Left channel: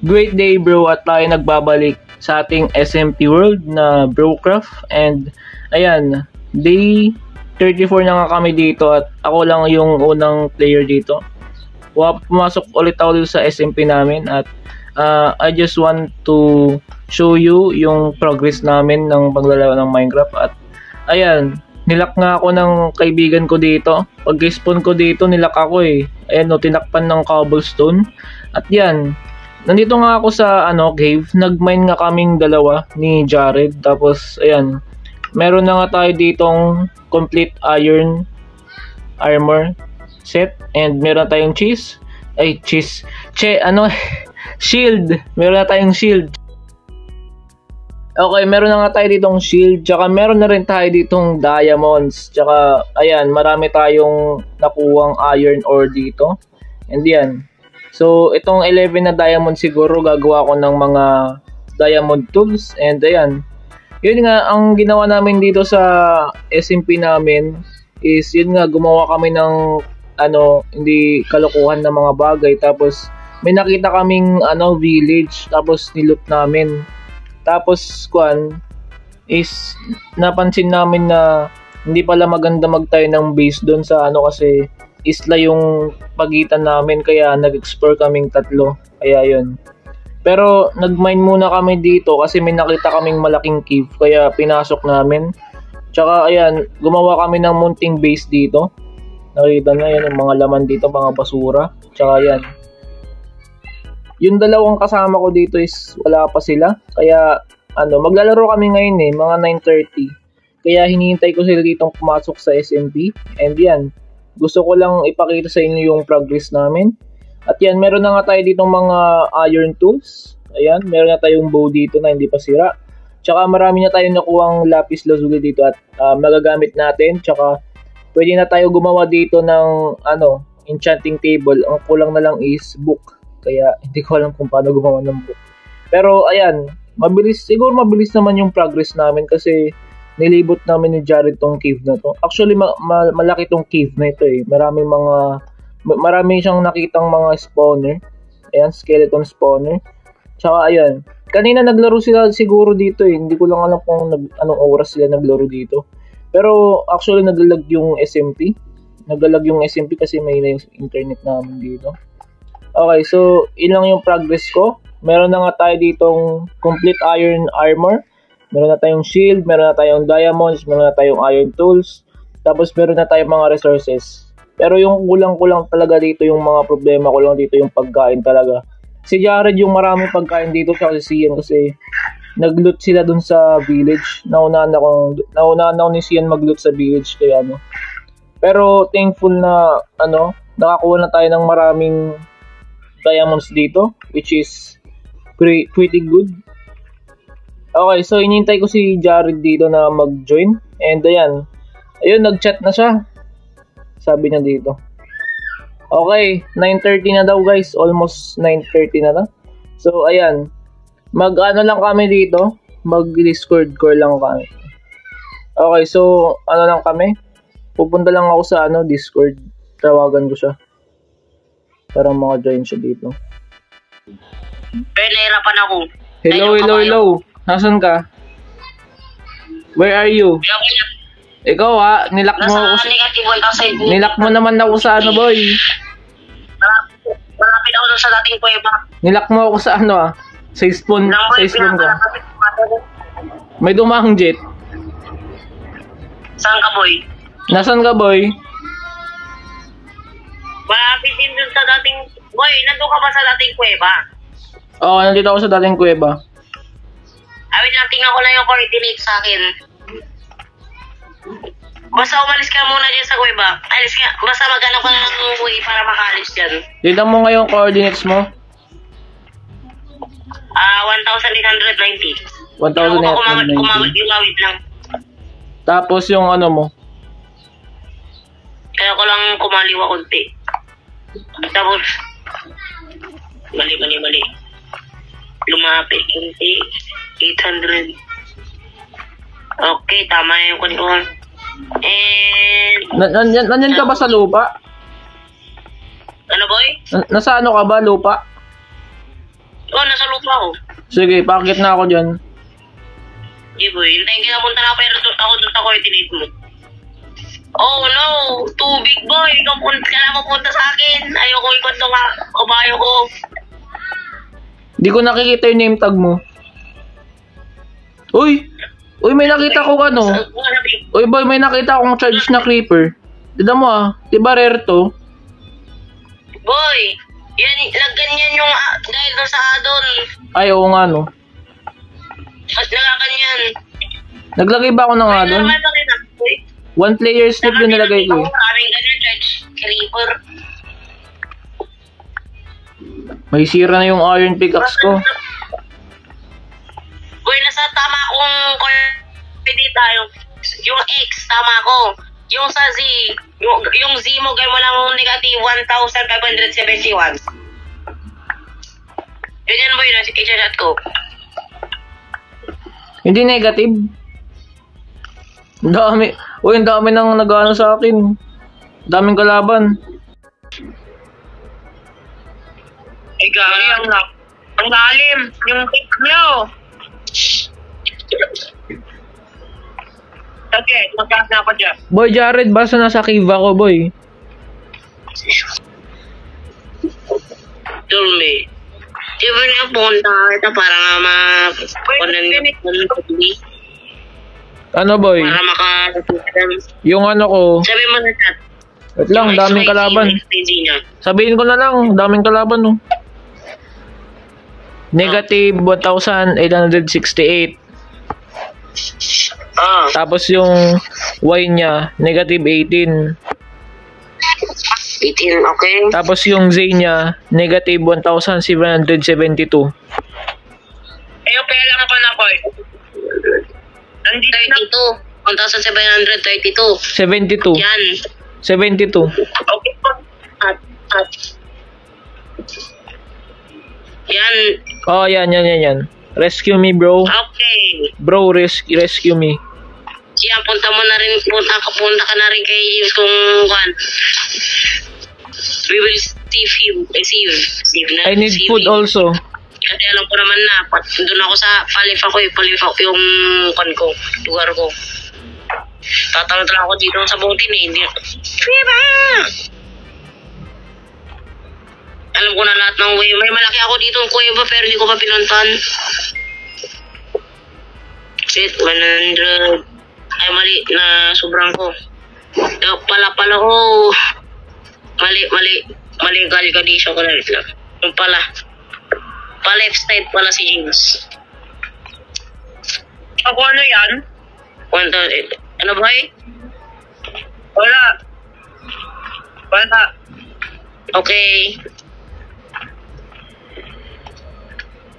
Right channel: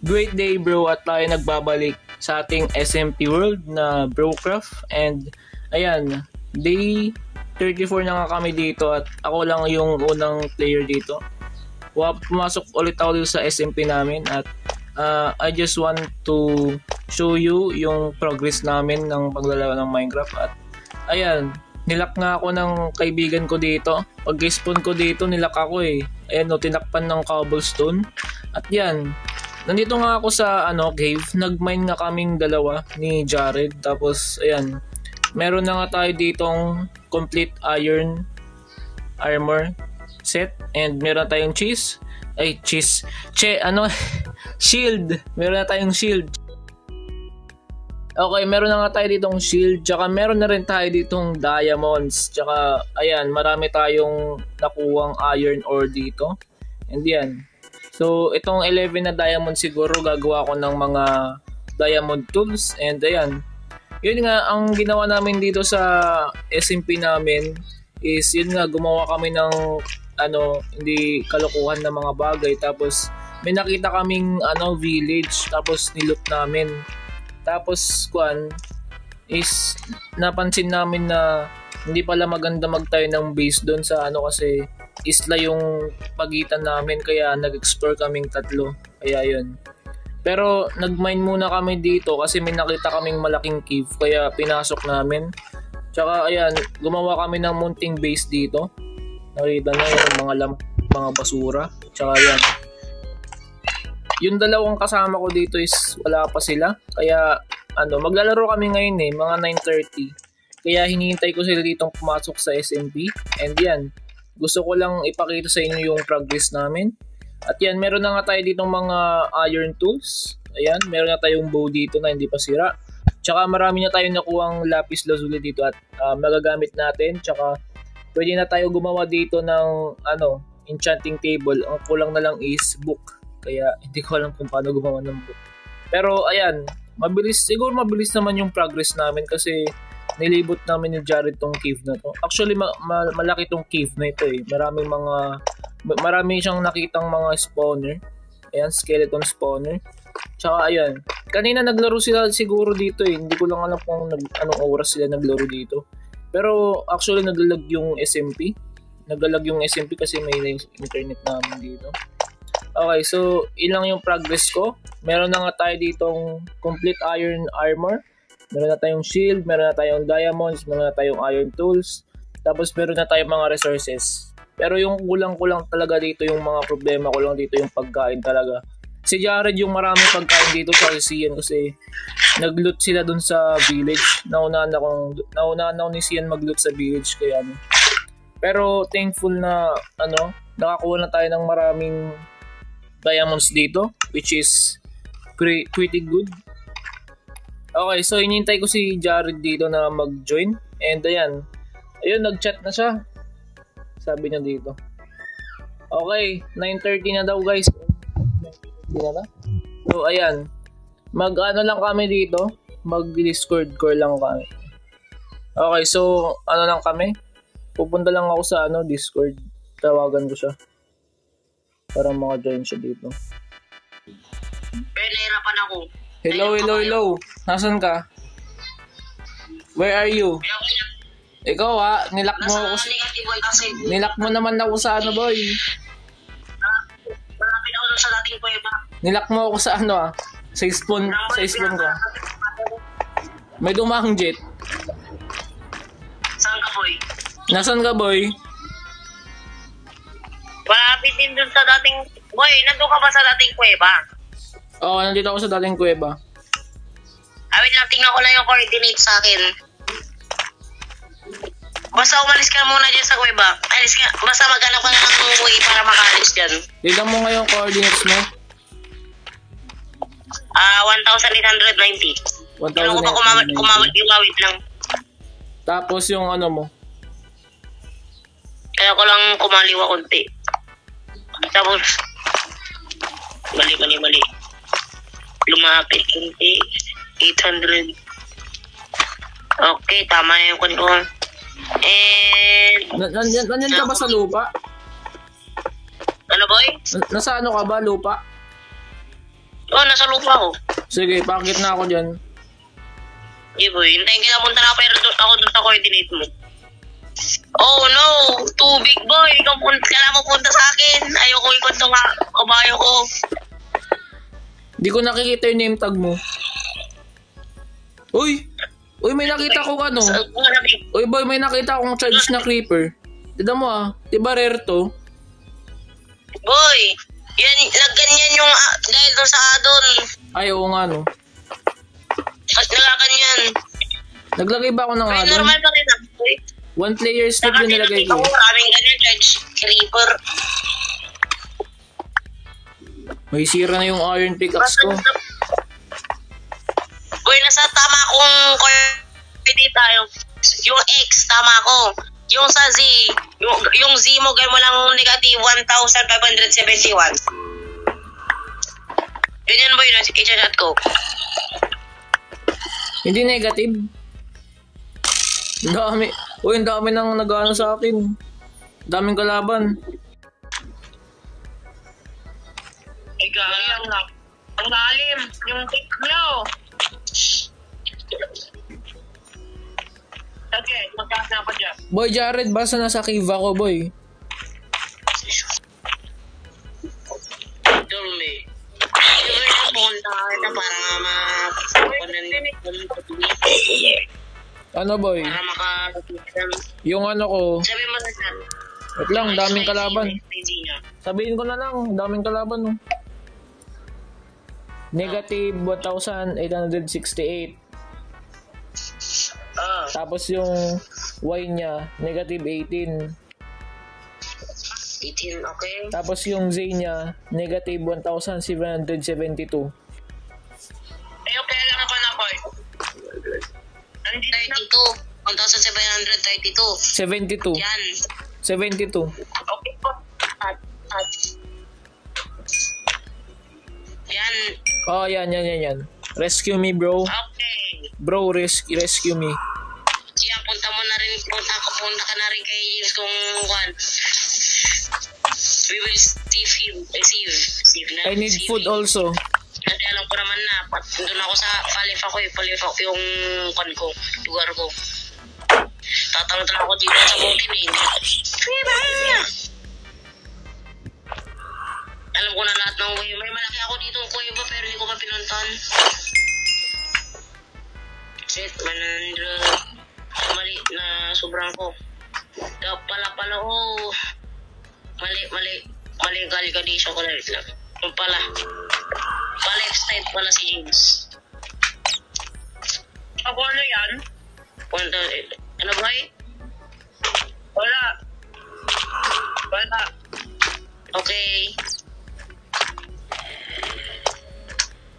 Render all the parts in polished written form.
Great day bro at tayo nagbabalik sa ating SMP World na Brocraft. And ayan, day 34 na nga kami dito at ako lang yung unang player dito. Pumasok ulit ako dito sa SMP namin at I just want to show you yung progress namin ng paglalaro ng Minecraft. At ayan, nilak nga ako ng kaibigan ko dito. Pag-respawn ko dito, nilak ako eh. Ayan no, tinakpan ng cobblestone. At yan, nandito nga ako sa cave. Nag-mine nga kaming dalawa ni Jared. Tapos ayan, meron na nga tayo ditong complete iron armor set. And meron na tayong shield. Meron na tayong shield. Okay, meron na nga tayo ditong shield. Tsaka meron na rin tayo ditong diamonds. Tsaka ayan, marami tayong nakuwang iron ore dito. And yan. So, itong 11 na diamond siguro gagawa ko ng mga diamond tools. And ayan. Yun nga, ang ginawa namin dito sa SMP namin is yun nga, gumawa kami ng hindi kalokohan na mga bagay. Tapos may nakita kaming village. Tapos niloot namin. Tapos is napansin namin na hindi pala maganda magtayo ng base doon sa kasi isla yung pagitan namin, kaya nag-explore kaming tatlo. Kaya yun. Pero nag-mine muna kami dito kasi may nakita kaming malaking cave, kaya pinasok namin. Tsaka ayan, gumawa kami ng munting base dito. Nakita na yan, yung mga laman dito, mga basura. Tsaka ayan, yung dalawang kasama ko dito is wala pa sila. Kaya maglalaro kami ngayon mga 9:30. Kaya hinihintay ko sila ditong pumasok sa SMP. And yan, gusto ko lang ipakita sa inyo yung progress namin. At yan, meron na nga tayo ditong mga iron tools. Ayan, meron na tayong bow dito na hindi pa sira. Tsaka marami na tayong nakuhang lapis lazuli dito at magagamit natin. Tsaka pwede na tayo gumawa dito ng enchanting table. Ang kulang na lang is book. Kaya hindi ko alam kung paano gumawa ng book. Pero ayan, mabilis naman yung progress namin kasi nilibot namin ni Jared tong cave na to. Actually, malaki tong cave na ito eh. Marami siyang nakitang mga spawner. Ayan, skeleton spawner. Tsaka ayan, kanina naglaro sila siguro dito eh. Hindi ko lang alam kung anong oras sila naglaro dito. Pero actually naglalag yung SMP. Naglalag yung SMP kasi may na yung internet namin dito. Okay, so ilang yung progress ko. Meron na nga tayo ditong complete iron armor. Meron na tayong shield, meron na tayong diamonds, meron na tayong iron tools. Tapos meron na tayong mga resources. Pero yung kulang-kulang talaga dito, yung mga problema ko lang dito, yung pagkain talaga. Si Jared yung marami pagkain dito sa Sian kasi nag-loot sila dun sa village. Naunahan ako ni Sian mag-loot sa village kaya Pero thankful na nakakuha na tayo ng maraming diamonds dito, which is pretty good. Okay, so inintay ko si Jared dito na mag-join. And ayan, nag-chat na siya. Sabi niya dito. Okay, 9:30 na daw guys. Almost 9:30 na daw. So ayan, lang kami dito. Mag-Discord call lang kami. Okay, so lang kami. Pupunta lang ako sa Discord. Tawagan ko siya para maka-join siya dito. Pero nahirapan ako. Hello. Nasaan ka? Where are you? Ikaw nilak mo ako nilak mo naman ako sa boy. Malapit ako sa dating kuweba. Nilak mo ako sa sa spawn ko. May dumahang jet. Saan ka boy? Nasaan ka boy? Malapit din dun sa dating... Boy, nandun ka ba sa dating kuweba? Oo, nandito ako sa dating kuweba. Wait lang, tingnan ko lang yung coordinates sa akin. Basta umalis ka muna dyan sa kuweba. Alis ka. Basta maghanap ka na ng way para makaalis dyan. Tignan mo nga yung coordinates mo. 1,890. 1,890. Kumawit lang. Tapos yung mo. Kaya ko lang kumaliwa konti. Tapos, mali. Lumapit konti. 800. Okay, tama na yung kwentuhan. And... Nandyan ka ba sa lupa? Ano boy? Nasa ka ba, lupa? Oo, nasa lupa ako. Sige, pakit na ako dyan. Hindi boy, hintayin kita punta na pero ako doon sa coordinate mo. Oh no, tubig boy, kailangan mo punta sa akin. Ayoko ikot nung kabayo ko. Di ko nakikita yung name tag mo. Uy, may nakita ko ano. Uy boy, may nakita akong charge na creeper. Tignan mo diba rare to? Boy, yan, nagganyan yung dahil doon sa addon. Ay, oo nga no. Nagaganyan. Naglagay ba ako ng addon? Normal pa rin boy. 1 player slip yung nilagay ko. Maraming ganyan, Judge. Creeper. May sira na yung iron pickaxe ko. Boy, nasa tama kong coordinate tayo. Yung X, tama ko. Yung sa Z, yung Z mo, gawin mo lang negative 1,571. Yun boy, i-chat ko. Hindi negative. Ang dami. Uy, ang dami nang nag-ano sa akin. Daming kalaban. Ay, gari, ang lalim. Yung pick nyo. Okay, magkas na ako dyan. Boy Jared, basta nasa cave ako, boy. Dulme. Iba niya punta kita para nga Ano, boy? para maka... Yung ano ko. Sabi mo na chat. Wait lang, daming kalaban. Sabihin ko na lang, daming kalaban, no. Negative 1,868. Tapos yung Y niya, negative 18. 18, okay? Tapos yung Z niya, negative 1,772. Kaya lang naman ako eh. Nandito 32. 1,732. 72. Yan. 72. Okay po. At. Yan. Oh, yan. Rescue me, bro. Okay. Bro, rescue me. Yan, punta ka na rin kay James kung kan. We will save you. Save na. I need food also. Kasi alam ko naman na, doon ako sa Palif ako yung kan ko, lugar ko. Tatalon ako dito sa boatin eh. Alam ko na lahat ng way. May malaki ako dito ng kuweba pero hindi ko pa pinuntan. Shit, 100. Ay, mali na sobrang ko. Pala ko. Mali galikadisyo ko na rin lang. Yung pala. Pa-left side pala si James. Ako ano yan? Ano ba eh? Wala. Okay.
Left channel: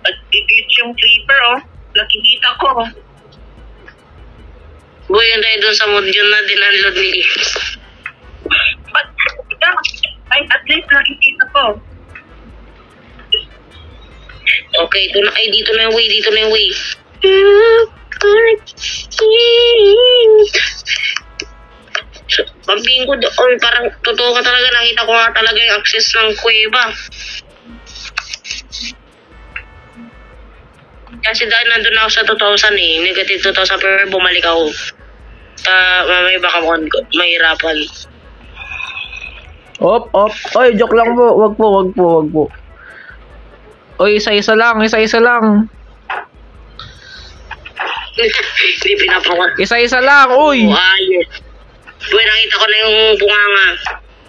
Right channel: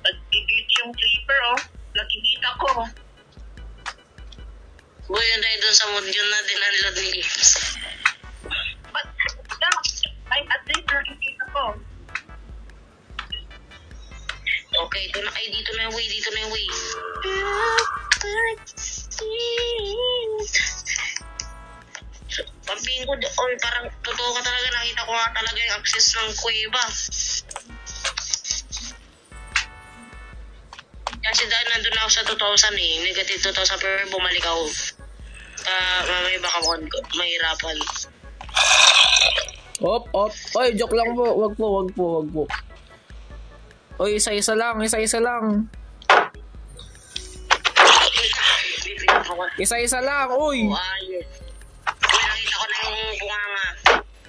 At i-glitch yung creeper nakikita ko. Boy, yun tayo dun sa mod yun na dinunload ni James. But, at least nakikita ko. Okay, dito na yung way. Pagtingin ko doon, parang totoo ka talaga, nakita ko nga talaga yung access ng kuweba. Kasi dahil nandun ako sa 2,000 negative 2,000 pero bumalik ako. Mamay baka mahirapan. Op. Oy, joke lang po. Wag po. Oy, isa-isa lang. Hindi pinapakot. Isa-isa lang, uy. Ayos. Uy, nakita ko na yung bunganga.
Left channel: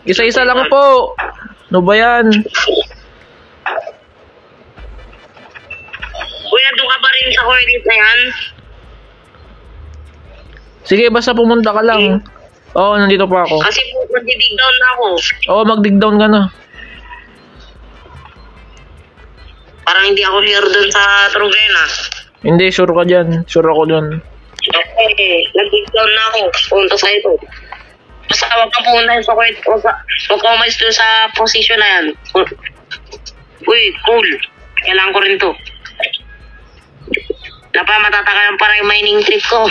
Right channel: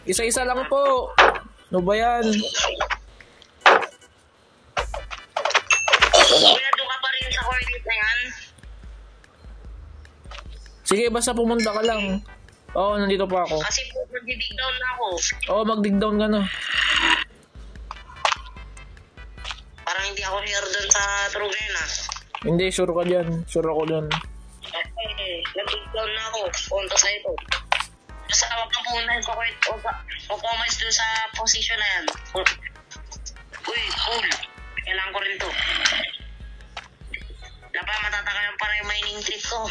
Isa-isa lang po. Ano ba yan? Uy, nandun ka ba rin sa coordinate na yan? Sige, basta pumunta ka lang. Oo, nandito pa ako. Kasi mag-dig down na ako. Oo, mag-dig down ka na. Parang hindi ako here dun sa Trugena. Hindi, sure ka dyan. Sure ako dyan. Okay, nag-dig down na ako. Punta sa ito. Basta huwag kang pumunta sa court. Huwag kang umalis dun sa position na yan. Uy, cool. Kailangan ko rin to. Matataka lang parang yung mining trip ko.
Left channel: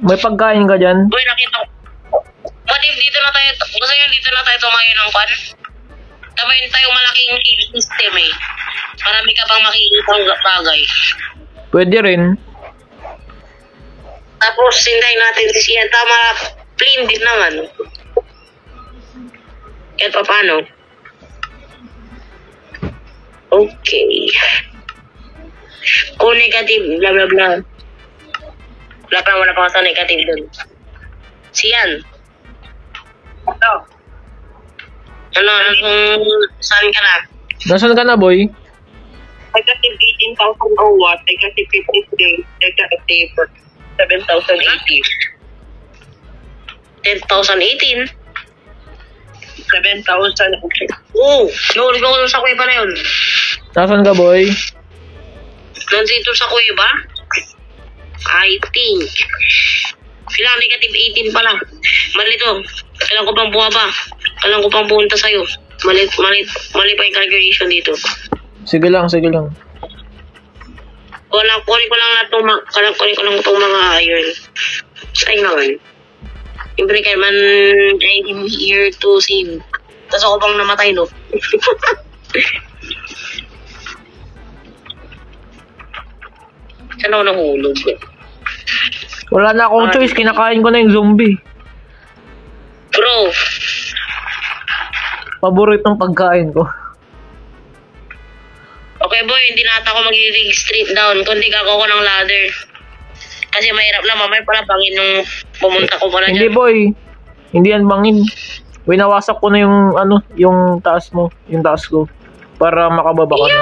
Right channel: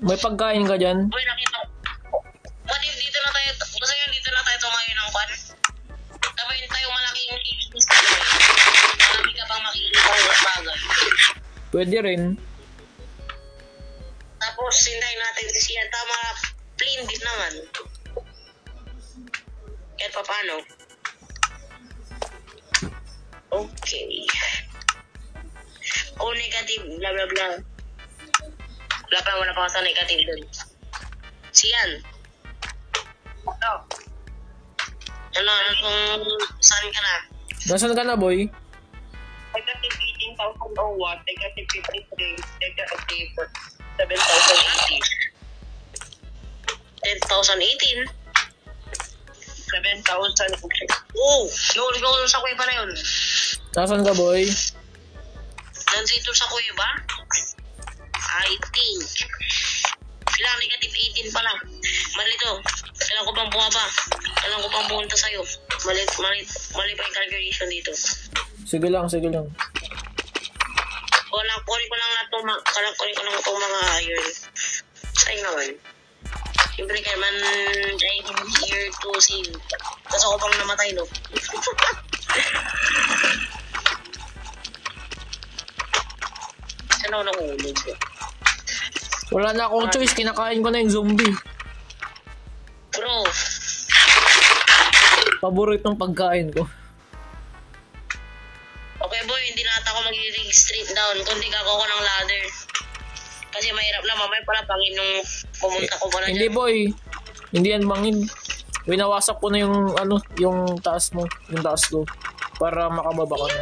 May pagkain ka dyan? Uy, nakita ko. Ba't dito na tayo? Gusto yun dito na tayo tumayo ng pan? Tabayin tayong malaking cave system eh. Marami ka pang makikitang bagay. Pwede rin. Tapos, hintayin natin si Sian. Tama, plain din naman. Kahit pa paano. Okay. Kung negative, bla bla bla. Wala pa sa negative dun. Sian. Ano, saan ka na? Nasaan ka na, boy? Negative 18,000 or what? Negative 53. Negative 7,080. 10,018? 7,000. Oo! Nahulog ako sa kuweba na yun. Nasaan ka, boy? Nandito sa kuweba? I think. Kailangan negative 18 pala. Mali to. Kailangan ko pang bumaba. Kailangan ko pang pumunta sa'yo. Mali pa yung calculation dito. Sige lang. Kunin ko lang itong mga iron. Sa'yo naman. Siyempre kaya man I'm here to save. Tapos ako pang namatay, no? Saan ako nahulog? Wala na akong choice. Kinakain ko na yung zombie. Bro, Paboritong pagkain ko. okay boy, hindi na ata ako mag-rig straight down kundi kako ko ng ladder. Kasi mahirap na mamay pala bangin nung pumunta ko pala Hindi, dyan. boy. Hindi yan bangin. Winawasak ko na yung taas mo. Yung taas ko. Para makababa ka na.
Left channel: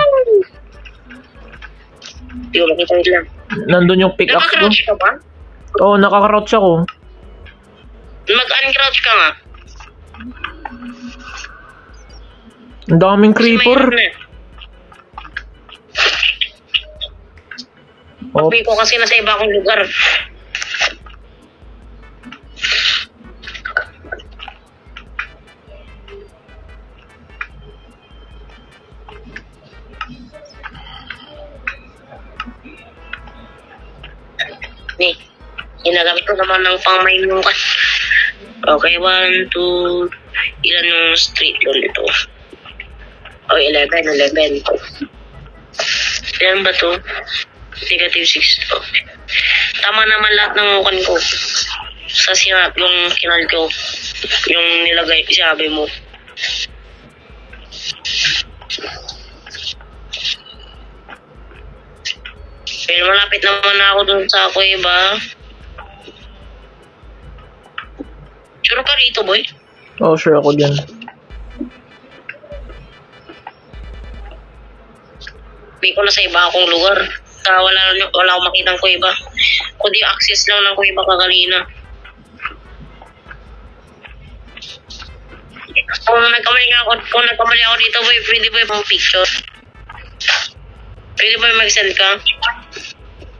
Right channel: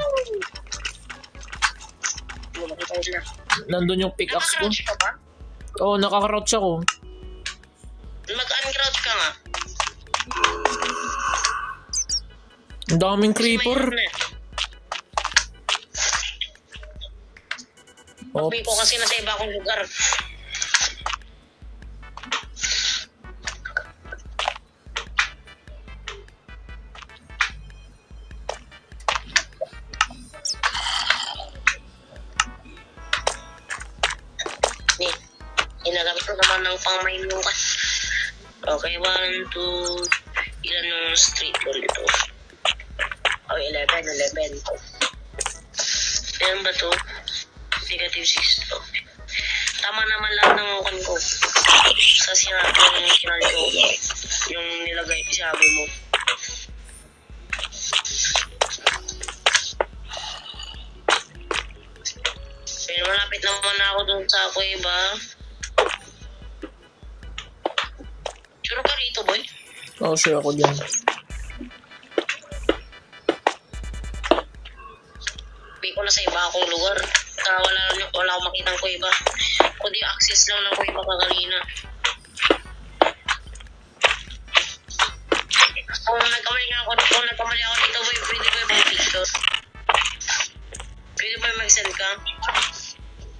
Hindi ko makita lang. Nandun yung pickaxe ko. Nakakrouch ka ba? Oo, nakakrouch ako. Mag-uncrouch ka nga. Ang daming creeper. Papi ko kasi nasa iba akong lugar. Ni, ginagamit ko naman ng pang-mining ka. Okay, 1, 2, ilan yung street doon ito? Oh, 11. Ilan ba to? Negative 6. Okay. Tama naman lahat ng ukan ko. Sa sinap yung kinal ko. Yung nilagay, sabi mo. Pero malapit naman ako dun sa kuweba. Sure ka rito, boy? Oo, sure ako dyan. Hindi ko na sa iba akong lugar. Wala akong makitang kuweba. Kundi access lang ng kuweba kagalina. Kung nagkamali ako dito, boy, pwede ba yung picture? Pwede ba mag-send ka?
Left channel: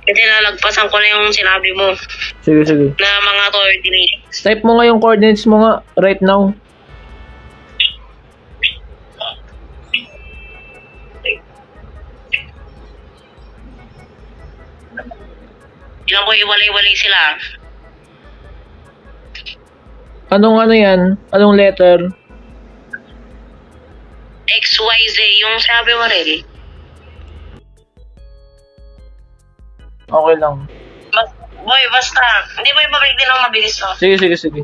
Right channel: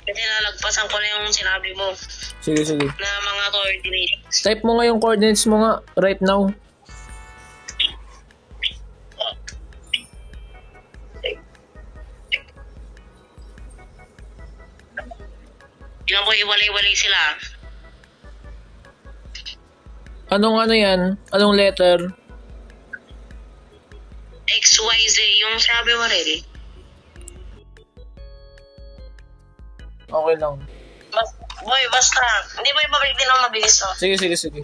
Kasi nalagpasan ko na yung sinabi mo Sige. na mga coordinates. Type mo nga yung coordinates mo nga right now. Diyan ko iwalay-walay sila. Anong ano yan? Anong letter? XYZ, yung sabi mo rin. Okay lang. Boy, basta. Hindi ba ibabalik din ako mabilis to? Sige.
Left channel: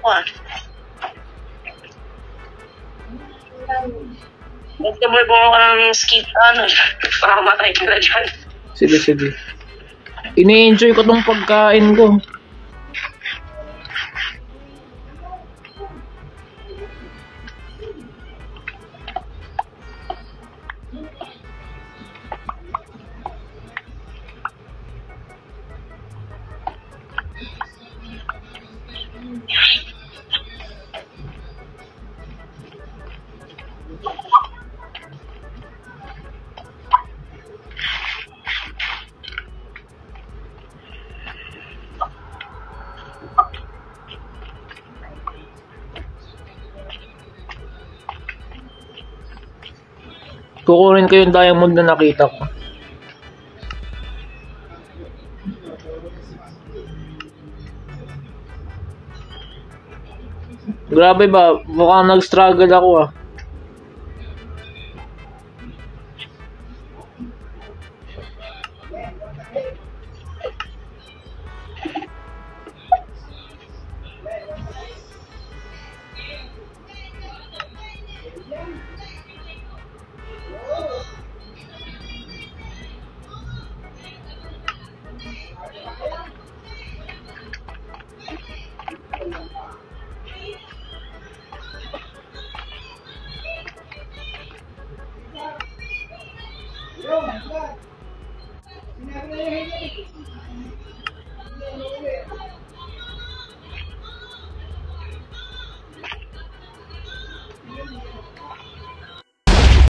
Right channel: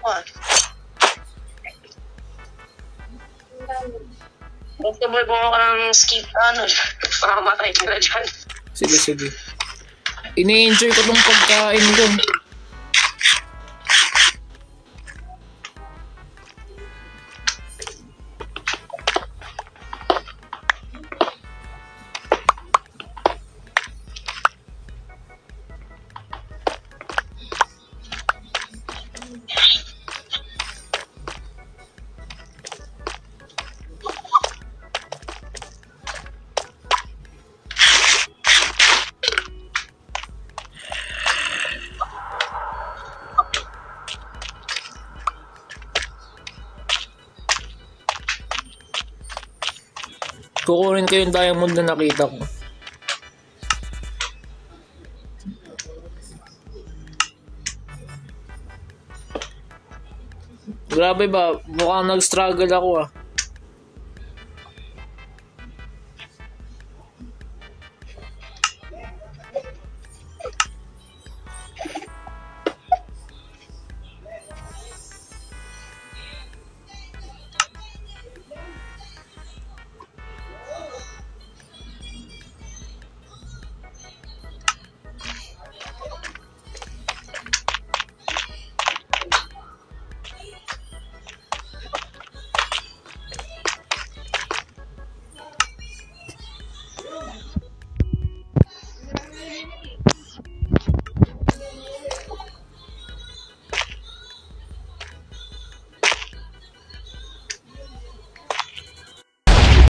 What? Basta boy, bumawa ka ng skip, makamatay ka na dyan. Sige. Ini-enjoy ko tong pagkain ko. Kukunin ko yung diamond na nakita ko. Grabe ba? Mukhang nag-struggle ako ah.